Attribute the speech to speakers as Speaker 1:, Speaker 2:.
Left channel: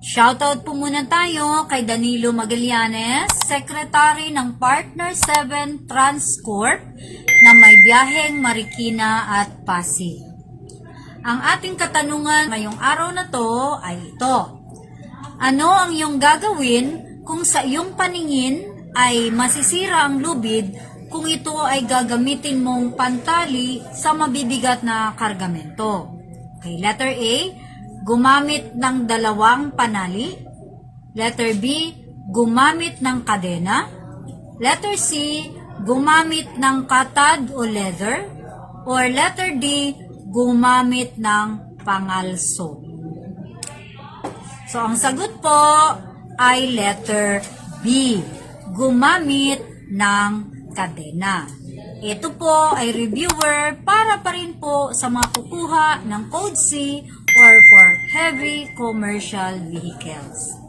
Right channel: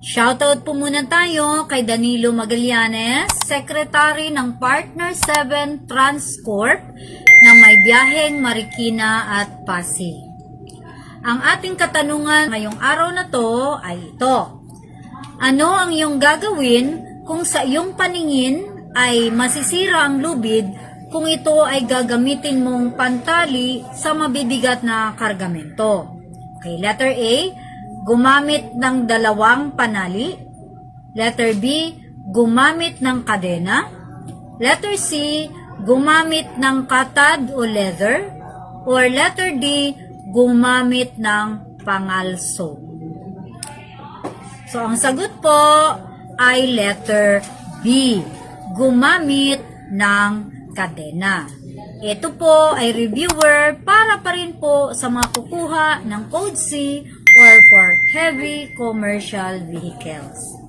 Speaker 1: Shoutout po muna tayo kay Danilo Magallanes, Secretary ng Partner 7 Transcorp na may biyaheng Marikina at Pasig. Ang ating katanungan ngayong araw na to ay ito. Ano ang iyong gagawin kung sa iyong paningin ay masisira ang lubid kung ito ay gagamitin mong pantali sa mabibigat na kargamento? Okay, letter A, gumamit ng dalawang panali. Letter B, gumamit ng kadena. Letter C, gumamit ng katad o leather. Or letter D, gumamit ng pangalso. So, ang sagot po ay letter B. Gumamit ng kadena. Ito po ay reviewer para pa rin po sa mga kukuha ng Code C or for heavy commercial vehicles.